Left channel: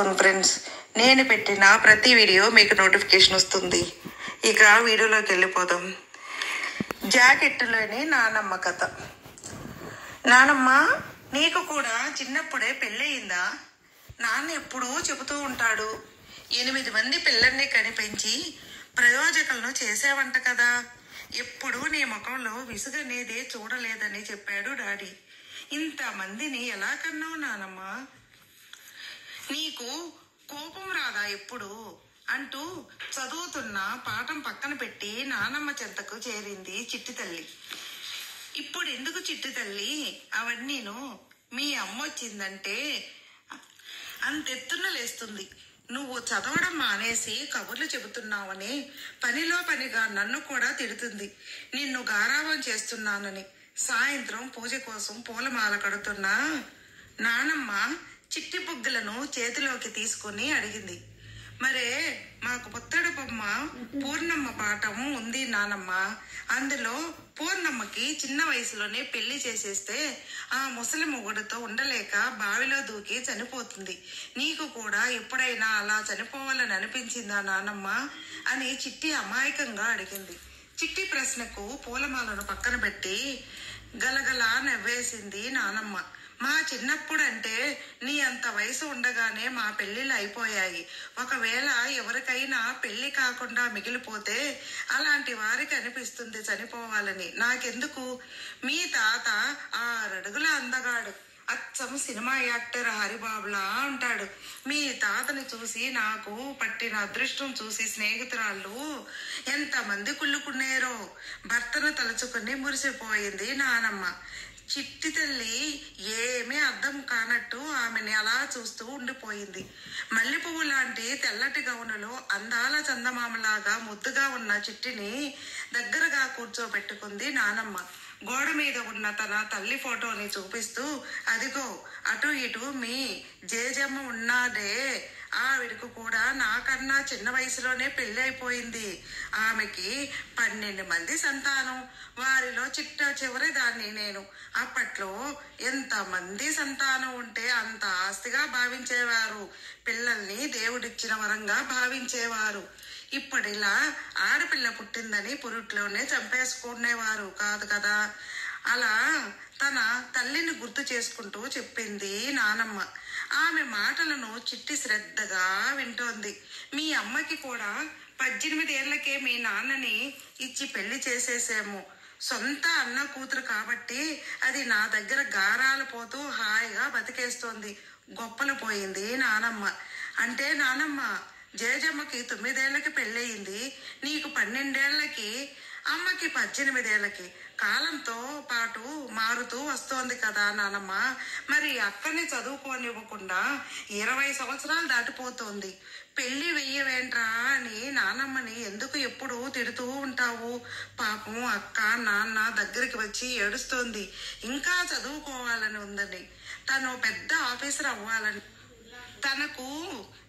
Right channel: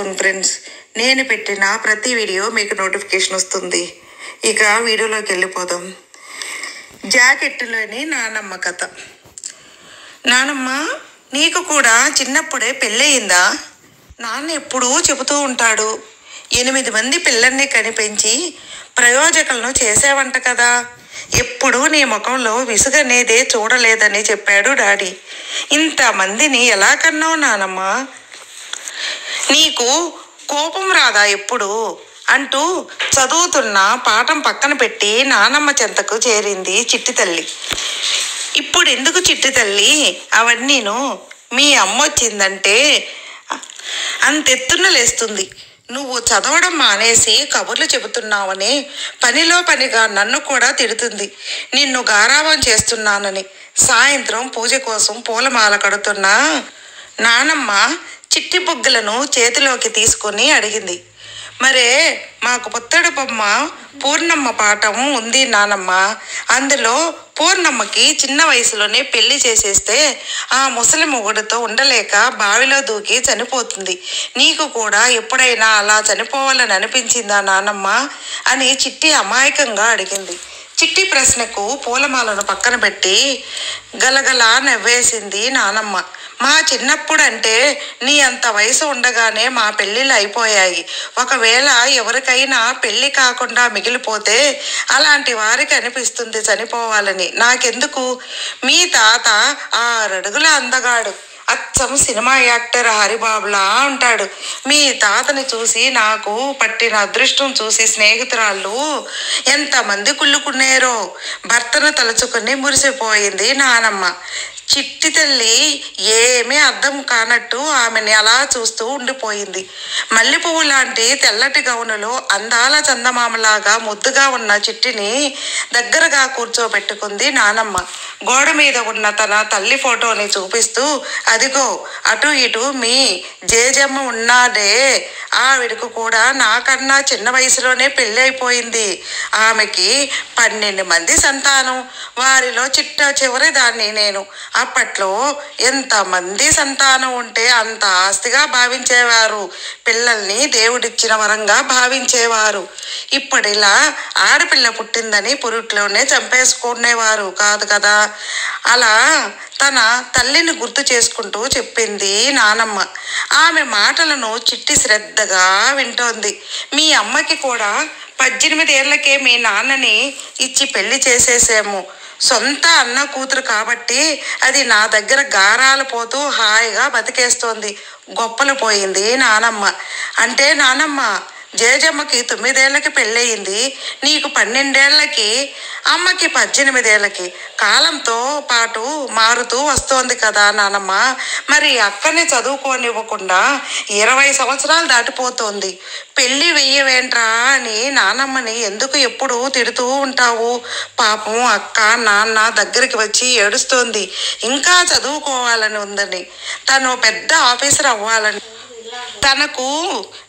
చేసుకోండి ఫ్రెండ్స్. నేను పెట్టిన ప్రతి వీడియో మీకు నోటిఫికేషన్ వస్తుంది. ఇక వీడియోలోకి వెళ్ళిపోదాం. జాకెట్టులోని నానమ్మ కథ. నానమ్మ, నీకు కూడా చిన్నప్పుడే పెళ్ళయిందా? నాన్న ఎప్పుడూ చెబుతూ ఉంటాడు, 8 మంది పిల్లల్ని కనిపించి ప్రయోజకులను చేసేవంట కదా, ఎప్పుడూ నీ ముఖంలో విసుగనేదే చూడలేదని చెప్పాడు డాడీ. ఇంతమందిని ఎలా కన్నావు నానమ్మ? నీకు కోపం రాదా ఎప్పుడు అంటూ చదువుతున్న పాఠం పక్కన పెట్టి నానమ్మ చెంతకు చేరింది చిట్టి తల్లి. ఇప్పుడు ఎందుకు చిట్టి తల్లి అవన్నీను? మీ అమ్మ వచ్చిందంటే అంతెత్తున లేస్తుంది. నువ్వు చదవడం మానేసి కబుర్లు చెబుతున్నావని పనిలో పనిగా నన్ను కూడా తిడుతుంది. నిన్ను గారాబం చేస్తున్నానని. సాయంత్రం పూజ కోసం పూలమాల కడుతున్నా నానమ్మ చిట్టి బుగ్గలను చేతిలోకి తీసుకుని అడిగింది. మరే మాకు పుత్తడి బొమ్మ పూర్ణమ్మ పాఠం ఉంది నానమ్మ. అందులో పూర్ణమ్మకి చిన్న వయసులోనే పెళ్లి చేసేస్తే ఆ ముసలి మొగుడితో ఉండలేక బావిలో దూకి చనిపోతుంది. నీకు కూడా ఎప్పుడైనా అలా చనిపోవాలని అనిపించిందా నానమ్మ అని చిట్టి అమాయకంగా అడిగింది. చిట్టి ప్రశ్నకు పూలమాలను పక్కన పెట్టి గలగలా నవ్వేసింది నానమ్మ. మా చిన్నప్పుడు అంటే నీ అంత వయసు ఉండగానే మా పెళ్ళిళ్ళు అయిపోయాయి. ఒకవేళ ఎవరికైనా పెళ్ళి కాకుండా మిగిలిపోతే అలాంటి వారికి అనిపిస్తుంది చనిపోవాలని. నాకెందుకు? మీ తాత 6 అడుగుల అందగాడు, అచ్చం సినిమా యాక్టర్ హరిబాబులా ఉంటాడు. మీ తాతని చూసి నాకు పట్టిన అదృష్టం చూసి స్నేహితురాళ్ళు ఎంతమంది కుళ్ళుకున్నారో. భర్తను తలుచుకుని మురిసిపోయింది నానమ్మ. చిట్టి తల్లి ఏమీ అర్థం కానట్టు ఆమెని అలా చూస్తూ ఉండిపోయింది. మల్లెపువ్వు లాంటి తెల్లటి గౌనులో అందాల చందమామలాగా ముద్దుగా ఉన్న చిట్టిని దగ్గరగా కూర్చోబెట్టుకుంది నానమ్మ. గోడ మీద ఉన్న తన తల్లి ఫోటోని చూపిస్తూ, అదిగో అటు ఇటు మీ జేజమ్మ ఉన్నాడే, ఆవిడకు కూడా నాకన్నా చిన్న వయసులోనే పెళ్ళి అయిపోయింది. ఆమెకి 12 మంది సంతానం. వారిలో చిట్ట చివరి దాన్ని నేను. అప్పట్లో ఎంతమంది సంతానం ఉంటే అంత ఆస్తిగా భావించేవారు. పిల్లల్ని దేవుడిచ్చిన వరంగా భావించేవారు. ఇప్పటిలా ఆడపిల్ల పుట్టిందని పురుట్లోనే చంపేసుకునేవారు కాదు కదా. అలా తన తల్లిని గుర్తు చేసుకుంటూ చెప్పింది నానమ్మ. ఆమె మాటలను చిట్టి శ్రద్ధగా వింటోంది. మీ అమ్మకి కూడా 18 ఏళ్లకే మీ నాన్నని ఇచ్చి పెళ్లి చేసేసాము. సొంత అన్న కూతురు కాబట్టి అది నా దగ్గర గారాలు పోతూ హాయిగా బతికేస్తోంది. గొప్పలు పోయింది నానమ్మ. అంటే నానమ్మ, జేజమ్మకి 9 ఏళ్లకి పెళ్ళయింది, నీకు 12 ఏళ్లకి, అమ్మకి 18 ఏళ్లకి. కాలంతో పాటు మారుతూ వస్తోంది కదా నానమ్మ. మరి అక్కని చదువుకోనివ్వకుండా 20 సంవత్సరాలు దాటిపోతోంది. పెళ్ళి వెయ్యవేంట్రా అని నానమ్మని ఎందుకు ఎప్పుడు తిడుతూ ఉంటావు? పాపం అక్క నాన్న దగ్గరికి వచ్చి ఏడుస్తోంది. ఇంకా చదువుకోవాలని ఉందని, తను పెద్ద ఆఫీసర్ అవ్వాలని, తనకు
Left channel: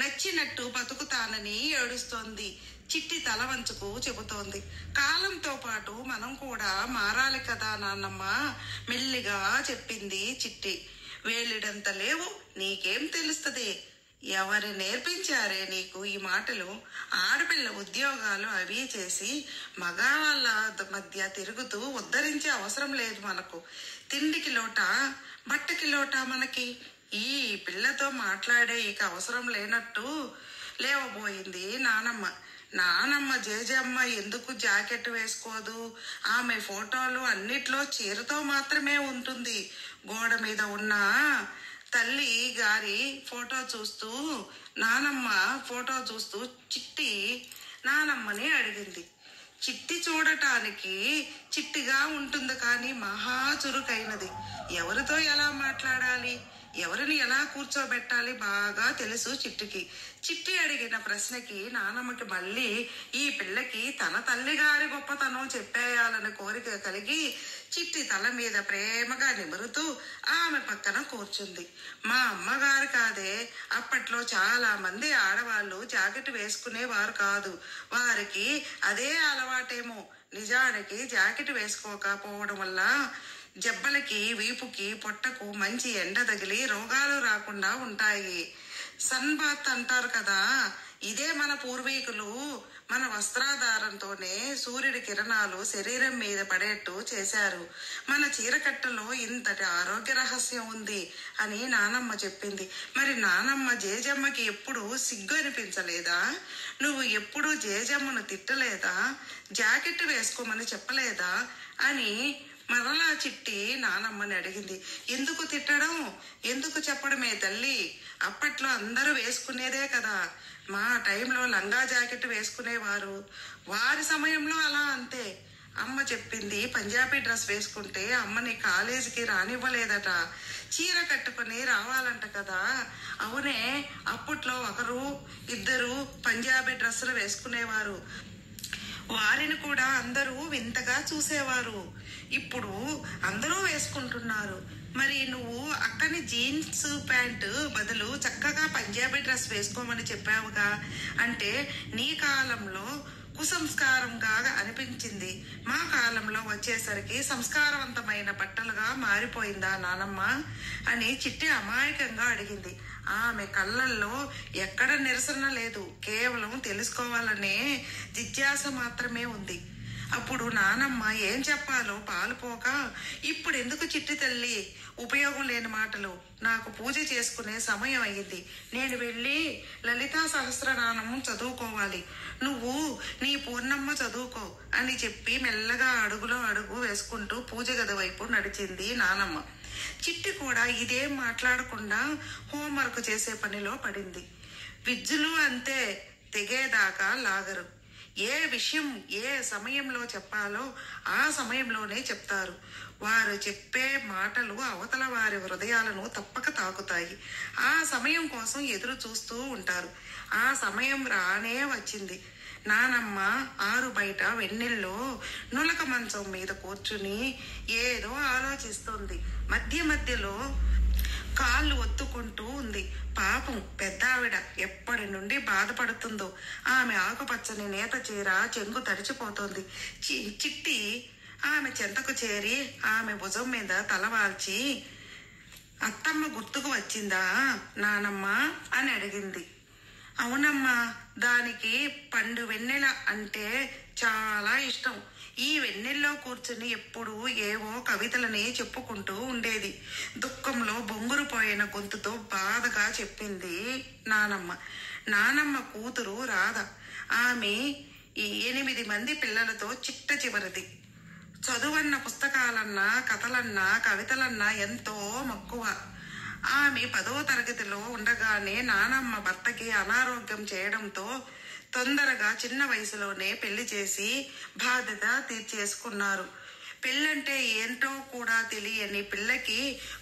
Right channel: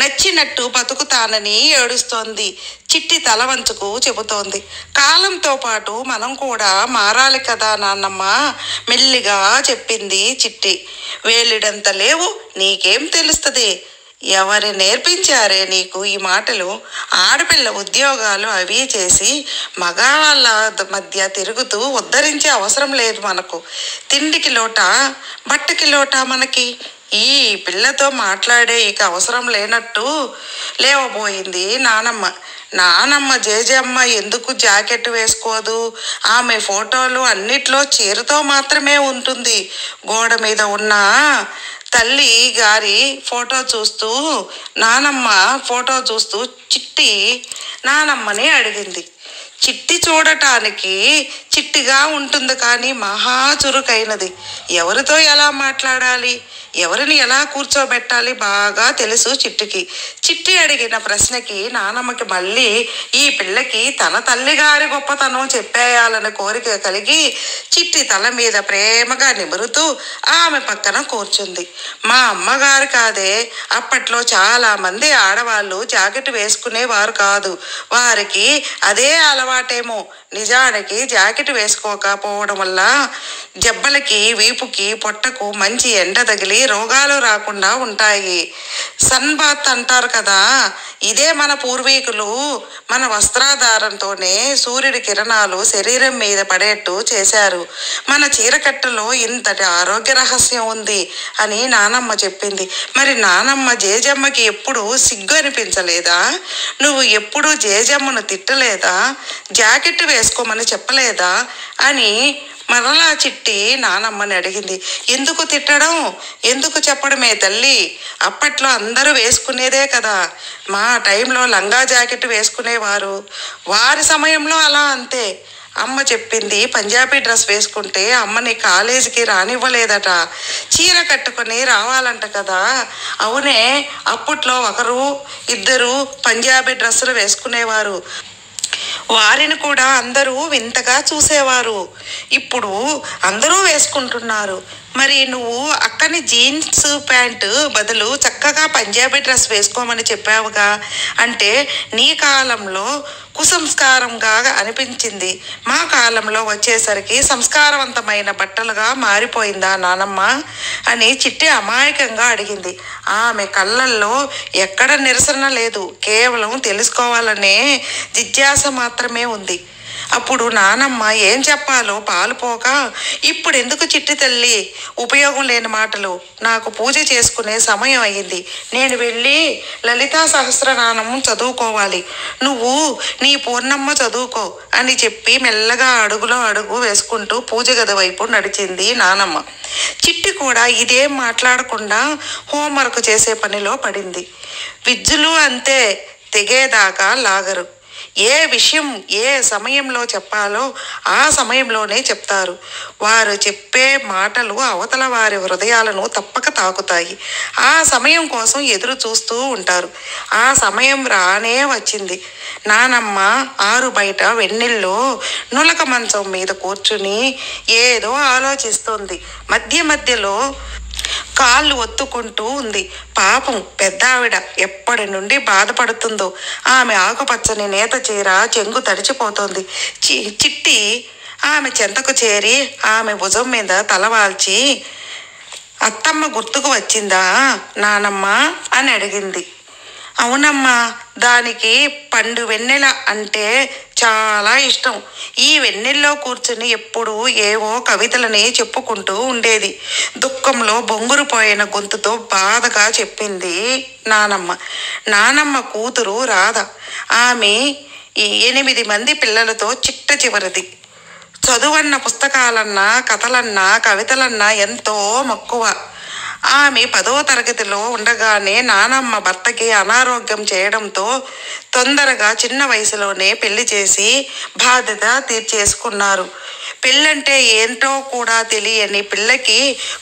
నచ్చినట్టు బతుకుతానని ఏడుస్తోంది. చిట్టి తల వంచుకు చెబుతోంది. కాలంతో పాటు మనం కూడా మారాలి కదా నాన్నమ్మ, మెల్లిగా చెప్పింది చిట్టి. వేలిడంత లేవు, నీకేం తెలుస్తుంది? ఎవరు నేర్పించారే నీకు ఈ మాటలు? ఆడపిల్ల ఉద్యోగాలు అవి చేసి మగవాళ్ళ మధ్య తిరుగుతూ ఉద్ధరించే అవసరం లేదు మనకు. తిండికి లోట, బట్టకి లోట మనకి. ఈ పిల్లతో మాట్లాడే ఇక అవసరం లేనట్టు లేవబోయింది నానమ్మ. నానమ్మ జేజమ్మ ఎందుకు జాకెట్ వేసుకోదు? ఆమె ఫోటోలు అన్నిట్లో చీరతో మాత్రమే ఉంటుంది. గోడ మీద ఉన్న తల్లి గారి ఫోటో చూస్తూ నానమ్మ ఫోటో చూస్తూ చిట్టి నానమ్మని అడిగింది. చిట్టి చూడటానికి చిట్టిగా ఉంటుంది కానీ మహా చురుకైనది. ఎవరితో ఎలా మాట్లాడాలి, ఎవరిని ఎలా కూర్చోబెట్టాలి బాగా తెలుసు చిట్టికి. చిట్టి అడిగిన ప్రశ్నకి నానమ్మకి మళ్ళీ ఈ పిల్లకి తన తల్లిగారి గొప్పతనం చెప్పేయాలని కోరిక కలిగి చిట్టి తల మీద ప్రేమగా నిమురుతూ ఆమె పక్కన కూర్చుంది. మా అమ్మగారు కాదే, అప్పట్లో చాలా మంది ఆడవాళ్ళు జాకెట్ వేసుకునేవారు కాదు. వారికి అదే అలవాటేమో. నిజానికి జాకెట్ వేసుకోకపోవడం వల్ల జబ్బలకి, వీపుకి, పొట్టకు మంచి ఎండ తగిలి రోగాలు రాకుండా ఉంటాయి. సన్ బాత్ అంటారు కదా, ఇదే మన పూర్వీకులు మన వస్త్రాధారంతోనే సూర్యుడి కిరణాలు శరీరం మీద పడేట్టు చేశారు. మన చీరకట్టులో ఇంతటి ఆరోగ్య రహస్యం ఉంది అని నానమ్మ చెప్పింది. మరి నానమ్మ జేజమ్మకి ఎప్పుడు సిగ్గు అనిపించలేదా? నువ్వు ఎప్పుడు జేజమ్మను తిట్టలేదా? జాకెట్ వేసుకోమని చెప్పలేదా అని మరలా చిట్టి నానమ్మని అడిగింది. ఎందుకు తిట్టడం, ఎందుకు చెప్పడమే తల్లి, అప్పట్లో అందరూ వేసుకునేదే కదా. మా టైంలో లంగా జాకెట్ వేసుకునేవారు, వారి సమయంలో అలా అంతే. అమ్మ చెప్పింది పంజాబీ డ్రెస్ వేసుకుంటే అమ్మని కాలేజీకి రానివ్వలేదట, చీర కట్టుకొని రావాలంట కదా. అవునే, అప్పట్లో ఒకరు ఇద్దరు పంజాబీ డ్రెస్సులు వేసుకునేవారు, వారిని కూడా అందరూ వింతగా చూసేవారు. ఇప్పుడు అందరూ వేసుకుంటున్నారు. మరి నువ్వు అక్కని జీన్స్ ప్యాంటు బదులు చక్కగా పంజాబీ డ్రెస్ వేసుకోమని చెప్పావుగా అంటే నీ కాలంలో కుసంస్కారంగా అనిపించింది, మా కాలంలో వచ్చేసరికి సంస్కారవంతమైన బట్టలుగా మారిపోయిందా నానమ్మ అని చిట్టి అమాయకంగా అడిగింది. ఆమె కళ్ళల్లో ఎక్కడ నిరసన లేదు, కేవలం తెలుసుకోవాలనే జిజ్ఞాస మాత్రమే ఉంది. అప్పుడు నానమ్మ ఏం చెప్పాలో పాలుపోక, ఇప్పుడు ఎందుకు చిట్టి తల్లి ఉపయోగం లేని మాటలు, నాకు పూజ చేసుకునే సమయం అయ్యింది, నేను వెళ్ళి లలితా సహస్రనామం చదువుకోవాలి, నువ్వు నీ పూర్ణమ్మ చదువుకో అని చెప్పి మెల్లగా అడుగులో అడుగు వేసుకుంటూ పూజ గది వైపు నడిచింది నానమ్మ. చిట్టి కూడా ఇదేం మాట్లాడకుండా హోంవర్క్ చేసే పనిలో పడింది. విద్యులు అంతే, తెగేదాకా లాగరు. ఏ విషయం ఏ సమయంలో చెప్పాలో ఆ సమయంలోనే చెప్తారు. వారు చెప్పే మాటలు అవతల వారి హృదయాలను తప్పక తాకుతాయి. ఆ సమయం కోసం ఎదురు చూస్తూ ఉంటారు. ఆ సమయం రానే వచ్చింది. నానమ్మ ఆరు బయట వెన్నెల్లో నులక మంచం మీద కూర్చుని ఏదో ఆలోచిస్తోంది. మధ్య మధ్యలో కాళ్ళు ఒత్తుకుంటూ ఉంది. పాపం పెద్దావిడ ఎప్పటి నుండి బాధపడుతుందో. ఆమె ఆకుపచ్చని నేత చీర చెంగు తడిచిపోతోంది. చిట్టి ఆమె చెంతకు చేరి ఆమె భుజం మీద తలవాల్చి, అత్తమ్మ గుర్తుకు వచ్చిందా నానమ్మ అని అడిగింది. అవునమ్మా, దానికి పండు వెన్నెల అంటే చాలా ఇష్టం. ఈ వెన్నెల్లో కూర్చుని ఎప్పుడూ ఏవో కవితలని చెప్పుకుంటూ ఉండేది. దుఃఖంలో బొంగురుపోయిన గొంతుతో బాధగా చెప్పింది నానమ్మ. నానమ్మ కూతురు రాధ. ఆమె 8 మంది పిల్లలతో చిట్ట చివరిది. చదువన్న పుస్తకాలన్నా కథలన్నా కవితలన్నా ఎంతో మక్కువ. ఆమె 10వ తరగతిలో ఉండగానే నానమ్మ భర్తకి అనారోగ్యం చేయడంతో తొందరగా చిన్న వయసులోనే పెళ్లి చేసి బాధ్యత తీర్చేసుకున్నారు. పెళ్ళంటే ఏంటో కూడా తెలియని పిల్లకి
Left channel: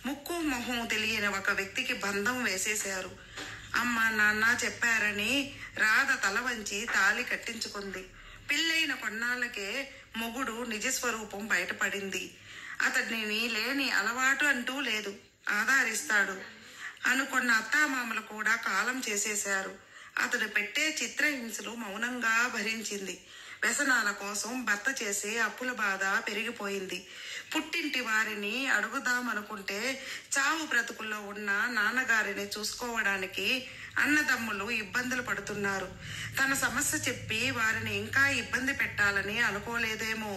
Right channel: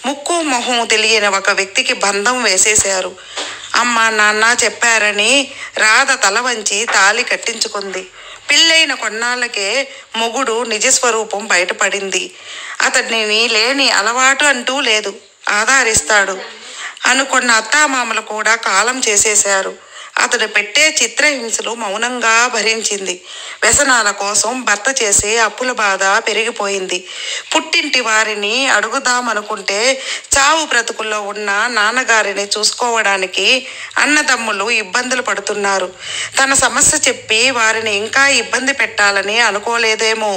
ముక్కు మొహం తెలియని ఒక వ్యక్తికి బంధం వేసేశారు. అమ్మ నాన్న చెప్పారని రాధ తల వంచి తాళి కట్టించుకుంది. పెళ్ళైన కొన్నాళ్ళకే మొగుడు నిజస్వరూపం బయటపడింది. అతడిని లేని అలవాటు అంటూ లేదు, ఆధారిస్తాడు అనుకున్న అత్తామామలు కూడా కాలం చేసేశారు. అతడు పెట్టే చిత్రహింసలు మౌనంగా భరించింది. వ్యసనాల కోసం భర్త చేసే అప్పుల బాధ పెరిగిపోయింది. పుట్టింటి వారిని అడుగుదామనుకుంటే చావు బ్రతుకుల్లో ఉన్న నాన్నగారిని చూసుకోవడానికి అన్నదమ్ములు ఇబ్బందులు పడుతున్నారు. తన సమస్య చెప్పి వారిని ఇంకా ఇబ్బంది పెట్టాలని అనుకోలేదేమో.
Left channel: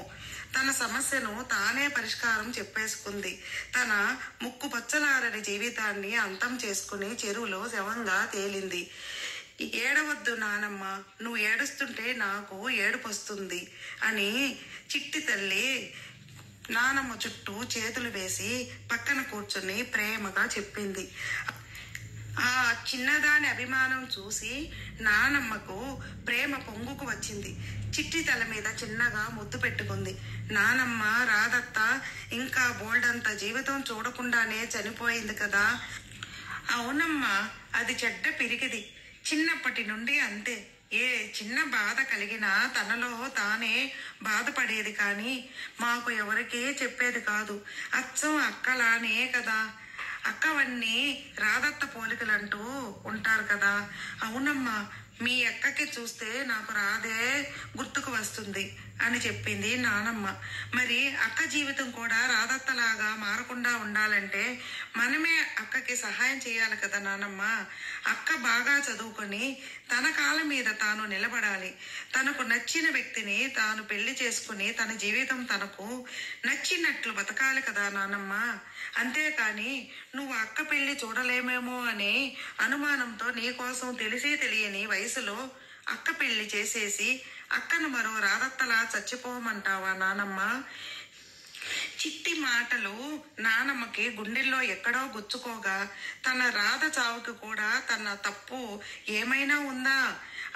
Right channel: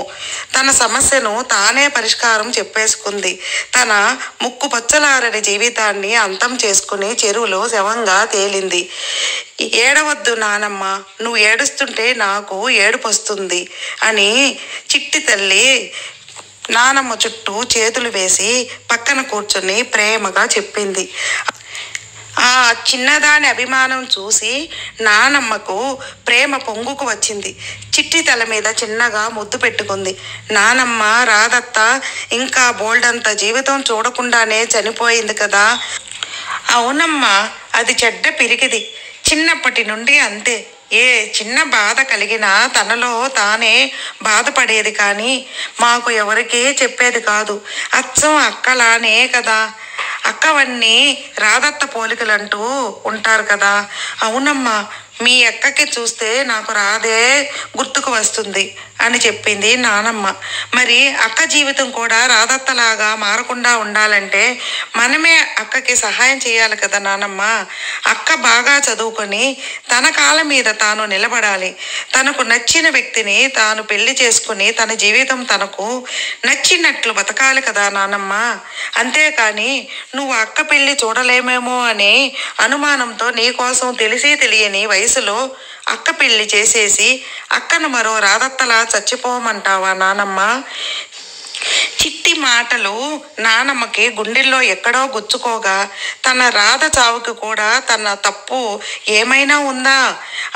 తన సమస్యను తానే పరిష్కారం చెప్పేసుకుంది. తన ముక్కు పచ్చలారని జీవితాన్ని అంతం చేసుకుని చెరువులో శవంగా తేలింది. ఏడవద్దు నానమ్మ, నువ్వు ఏడుస్తుంటే నాకు ఏడుపు వస్తుంది అని చిట్టి తల్లి నానమ్మ చుట్టూ చేతులు వేసి పక్కన కూర్చొని ప్రేమగా చెప్పింది. ఆ చిన్నదాని అభిమానం చూసి నానమ్మకు ప్రేమ పొంగుకు వచ్చింది. చిట్టి తల మీద చిన్నగా ముద్దు పెట్టుకుంది. నానమ్మ రాధత్త ఇంకా బోల్డంత జీవితం చూడకుండానే చనిపోయింది కదా. అవునమ్మా, అది చెడ్డ పిరికిది. చిన్నప్పటి నుండి అంతే. ఏ చిన్న బాధ కలిగినా తనలో తానే బాధపడేది కానీ మాకు ఎవరికీ చెప్పేది కాదు. అచ్చం అక్కలానే కదా. అక్కవన్నీ రాధత్త పోలికలంటూ ఉంటారు కదా. అవునమ్మా, మీ అక్కకి చూస్తే నాకు రాధే గుర్తుకు వస్తుంది అని చెప్పింది నానమ్మ. మరి అక్క జీవితం కూడా రాధత్తలాగా మారకుండా ఉండాలంటే మనమే అక్కకి సహాయం చేయాలి కదా నానమ్మ. అక్క బాగా చదువుకొని తన కాళ్ళ మీద తాను నిలబడాలి. తనకు నచ్చిన వ్యక్తిని తాను పెళ్లి చేసుకుని తన జీవితం తనకు నచ్చినట్లు బతకాలి కదా నానమ్మ. అంతేకాని నువ్వు అక్క పెళ్లి చూడలేమేమో అనే అనుమానంతో నీకోసం తెలిసి తెలియని వయసులో అక్క పెళ్లి చేసేసి అక్కను మరో రాధత్తలా చచ్చిపోమంటావా నానమ్మ? చిట్టి మాటలు నానమ్మకి గుండెల్లో ఎక్కడో గుచ్చుకోగా తన రాధ చావుకి కూడా తన తప్పు ఏమైనా ఉందా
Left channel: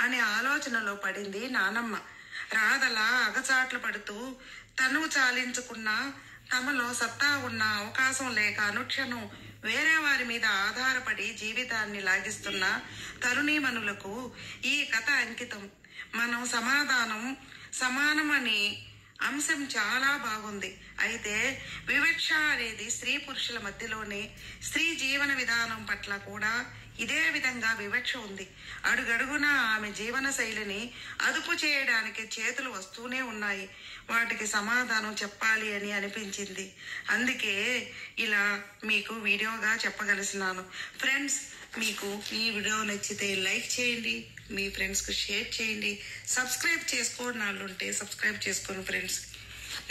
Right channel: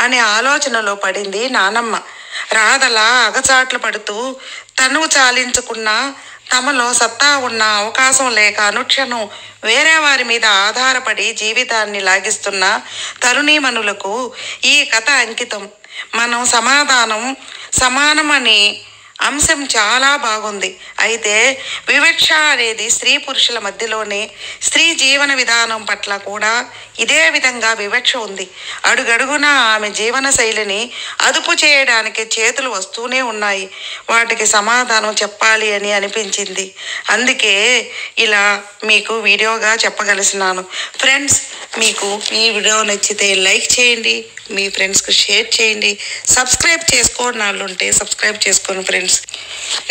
అనే ఆలోచనలో పడింది నానమ్మ. రాధలా అగచాట్లు పడుతూ తను చాలించుకున్న తమలో సత్తా ఉన్న అవకాశం లేక అనుక్షణం వేరే వారి మీద ఆధారపడి జీవితాన్ని లాగిస్తున్న తరుణీమణులకు ఈ కథ అంకితం. మనం సమానమని అంశం చాలా బాగుంది. అయితే వివక్ష అనేది స్త్రీ పురుషుల మధ్యలోనే స్త్రీ జీవన విధానం పట్ల కూడా ఇదే విధంగా వివక్ష ఉంది. అడుగడుగున ఆమె జీవన శైలిని అదుపు చేయడానికి చేతులు వస్తూనే ఉన్నాయి. వాటికి సమాధానం చెప్పాలి అని అనిపించింది. అందుకే ఇలా మీకు వీడియోగా చెప్పగలిసినాను. ఫ్రెండ్స్, మీకు ఈ వీడియో నచ్చితే లైక్ చేయండి, మీ ఫ్రెండ్స్కి షేర్ చేయండి. సబ్స్క్రైబ్ చేసుకోని వాళ్ళు ఉంటే సబ్స్క్రైబ్ చేసుకోండి ఫ్రెండ్స్.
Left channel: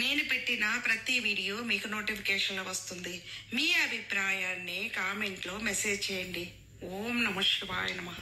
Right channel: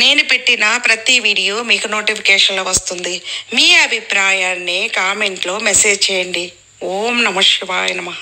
నేను పెట్టిన ప్రతి వీడియో మీకు నోటిఫికేషన్లో వస్తుంది. మీ అభిప్రాయాన్ని కామెంట్లో మెసేజ్ చేయండి. ఓం నమః శివాయ నమః.